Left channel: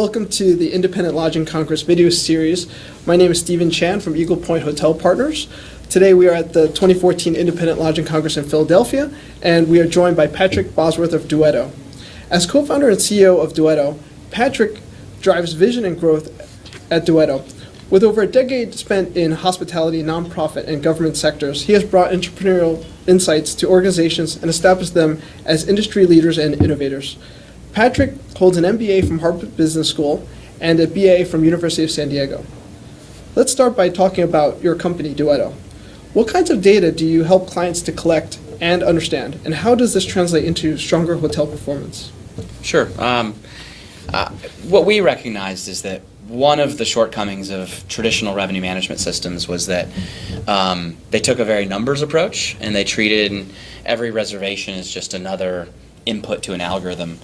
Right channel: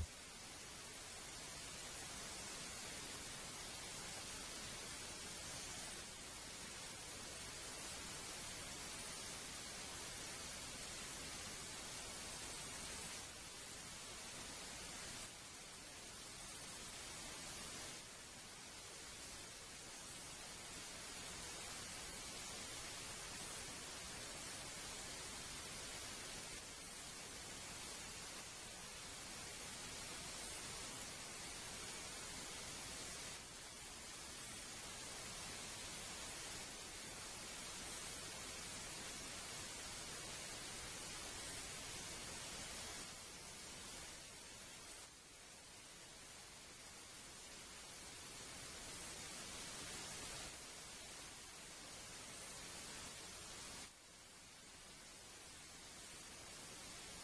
welcome to the Independent Lodging Congress video series. My name is Stephen Chan from Eagle Point Hotel Partners. Today we are at the 2014 Independent Lodging Congress in Philadelphia, and we are joined by Patrick Bosworth of Duetto. As co-founder and CEO of Duetto, Patrick drives vision and growth at Duetto. With over a decade spent in hospitality, nonprofit, and government sectors, he has brought entrepreneurial insights to organizations and established them as industry leaders and innovators. Patrick holds an MBA from Harvard Business School and a BA from University of San Diego. Let's start by talking about your company, Duetto. What kinds of data do you help clients to collect and understand, and how does this translate into stronger hotel performance? Sure. What we recognized is that one of the shortcomings of traditional revenue management systems was that they took a very numbers approach, and they treated every reservation as just another input to an algorithm.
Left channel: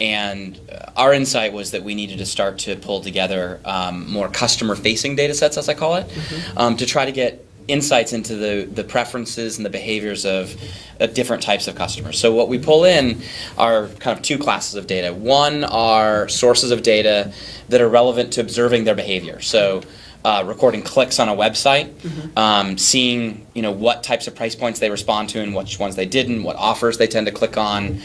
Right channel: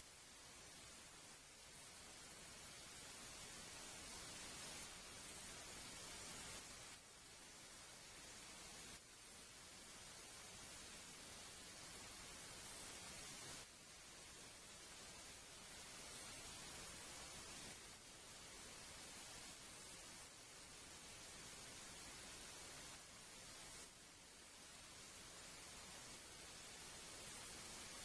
And our insight was that we needed to start to pull together more customer-facing data sets, as I call it, to try to get insights into the preferences and the behaviors of different types of customers. So what we pull in are kind of two classes of data. One are sources of data that are relevant to observing their behavior. So recording clicks on a website, seeing what types of price points they respond to and which ones they didn't, what offers they tend to click on,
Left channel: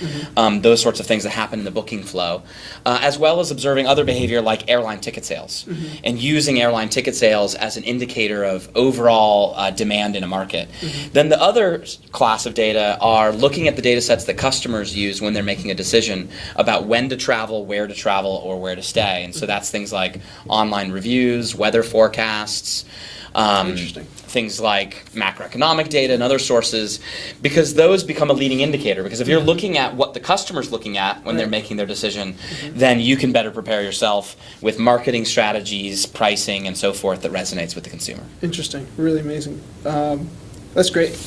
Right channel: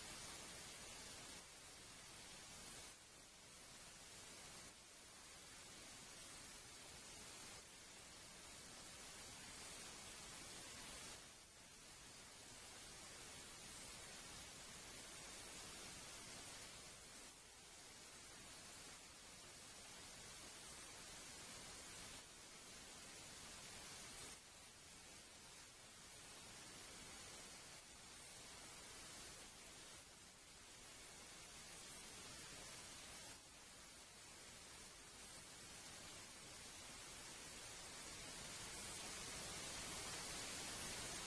those sorts of things that happen in the booking flow, as well as observing other behavior like airline ticket sales, and using airline ticket sales as an indicator of overall demand in a market. Then the other class of data are looking at the data sets that customers use when they're making a decision about when to travel, where to travel, or where to stay. And so that's things like online reviews, weather forecasts, things like macroeconomic data and other sources, because those become a leading indicator. Because if you're looking at what the customer's looking at when they're making their decision, then you can better prepare yourself with marketing strategies, pricing, and so forth that resonates with the consumer. Interesting. Really amazing. That's great.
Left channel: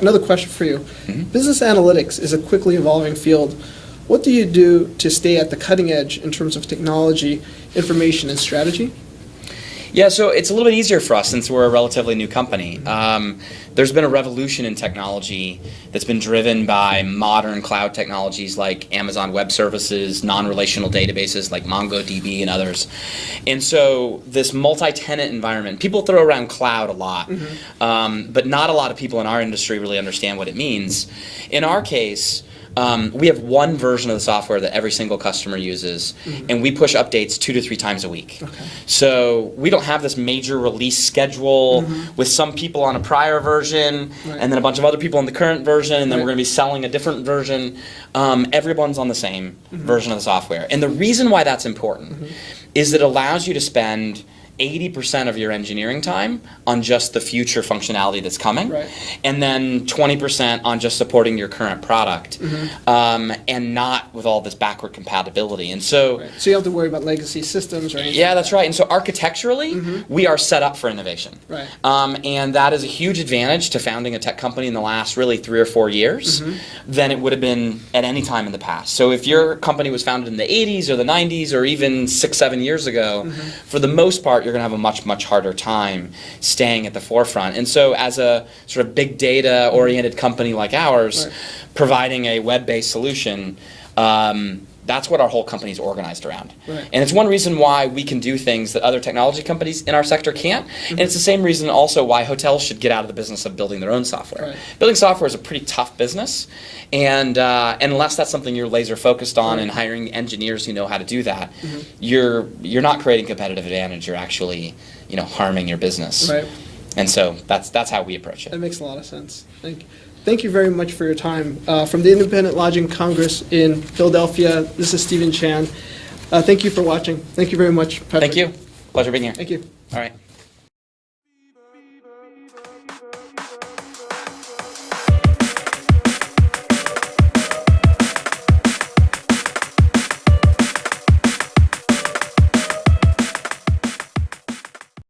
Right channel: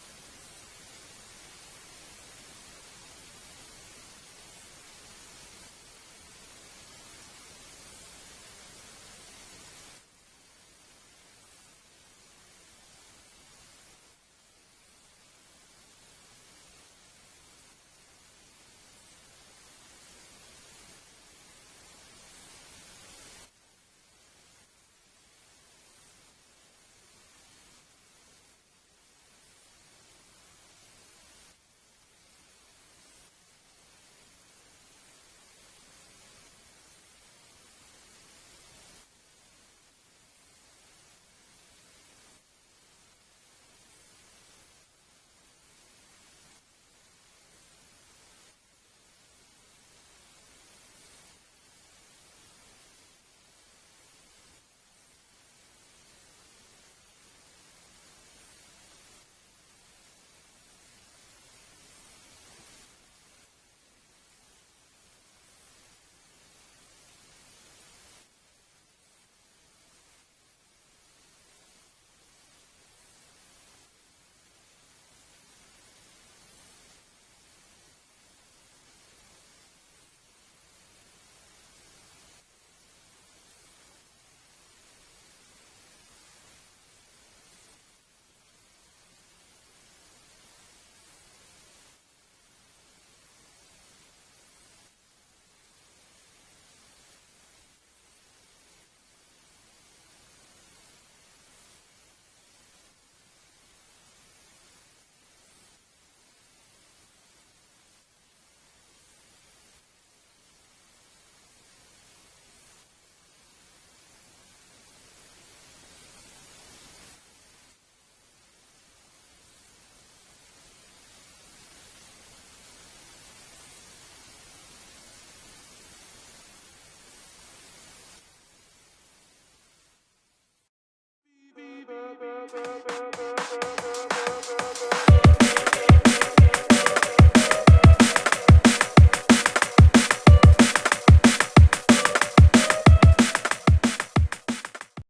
Another question for you. Business analytics is a quickly evolving field. What do you do to stay at the cutting edge in terms of technology, information, and strategy? Yeah, so it's a little bit easier for us since we're a relatively new company. There's been a revolution in technology that's been driven by modern cloud technologies like Amazon Web Services, non-relational databases like MongoDB and others. And so this multi-tenant environment, people throw around cloud a lot, but not a lot of people in our industry really understand what it means. In our case, we have one version of the software that every single customer uses, and we push updates 2 to 3 times a week. So we don't have this major release schedule with some people on a prior version and then a bunch of other people on the current version, and then we're going to be selling a different version. Everyone's on the same version of the software. And the reason why that's important is it allows you to spend 80% of your engineering time on just the future functionality that's coming, and then 20% on just supporting your current product, and not with all this backward compatibility. And so, so you don't have to worry about legacy systems or anything. Yeah, that's right. And so architecturally, we are set up for innovation, and that is a huge advantage to founding a tech company in the last really 3 or 4 years than it would have been at any time in the past. So if your company was founded in the 80s or the 90s or even 6, 7 years ago, for the most part, you're going to have a much, much harder time staying at the forefront. And so as a sort of big data oriented company like ours, providing a web-based solution, that's what our whole company is organized around. And it's one reason why we can do things that other technology companies in our sector can't. And it's the same reason also why hotels should get out of the business of building their own software. Building software is a pretty tough business. And unless that's something you're laser focused on and hiring engineers who know how to do that, you're not creating competitive advantage. You're actually harming your business. And so that's how we approach it. That makes a lot of sense. Thank you very much for your time. From the Independent Lodging Congress in Philadelphia, this is Stephen Chan. Thank you for watching. Thank you very much, Patrick. Thank you. Pleasure being here. Thank you. All right.